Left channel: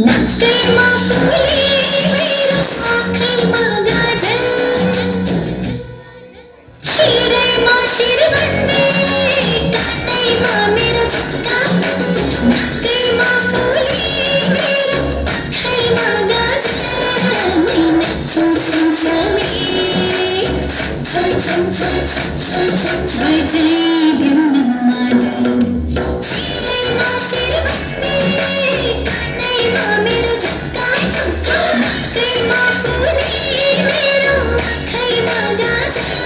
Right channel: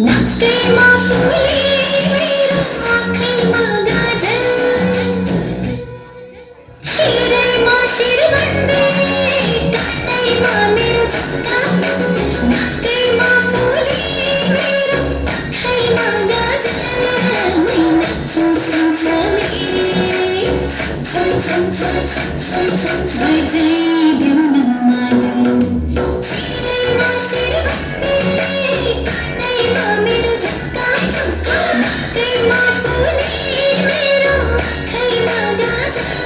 नक्कैमा फुली मेरो आँखैमा गाजर शिरमा शिरबन्दी कानैमा मेरो झुम्का नक्कैमा फुली मेरो आँखैमा गाजर मै नाच्छु सँगसँगै बजाइदेऊ न मादल शिरमा शिरबन्दी कानैमा मेरो झुम्का नक्कैमा फुली मेरो आँखैमा गाजर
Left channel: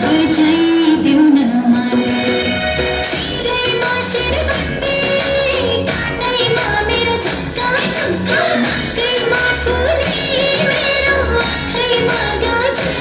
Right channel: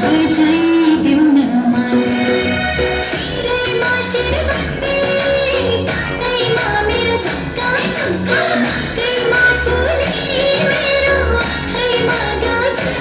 बजाइदेऊ न मादल शिरमा शिरबन्दी कानैमा मेरो झुम्का नक्कैमा फुली मेरो आँखैमा गाजर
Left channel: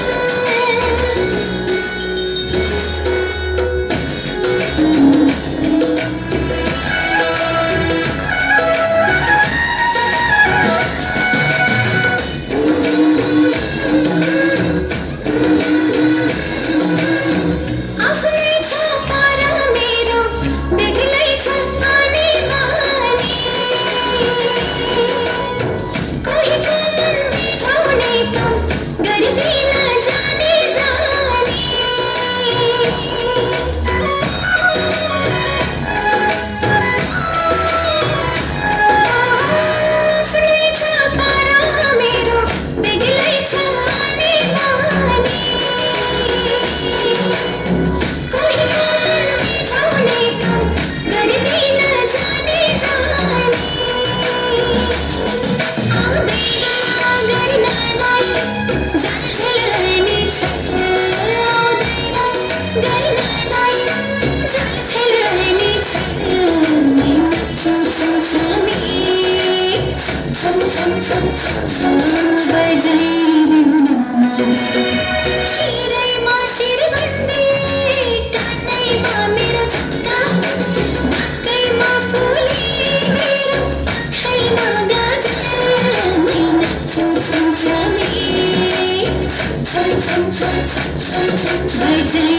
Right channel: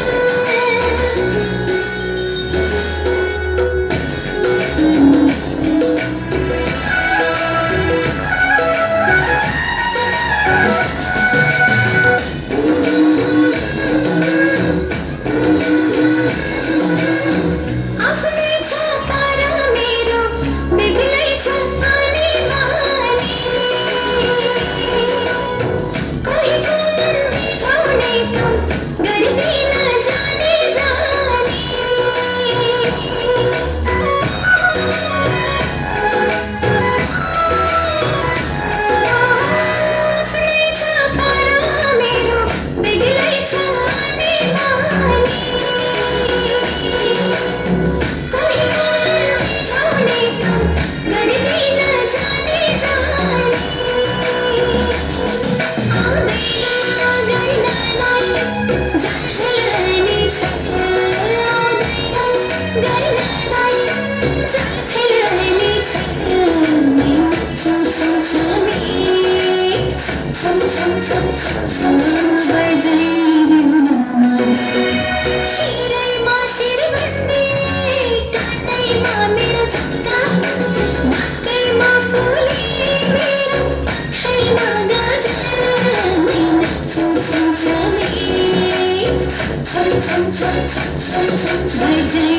बजाइदेऊ न मादल शिरमा शिरबन्दी कानैमा मेरो झुम्का नक्कैमा फुली मेरो आँखैमा गाजर मै नाच्छु सँगसँगै बजाइदेऊ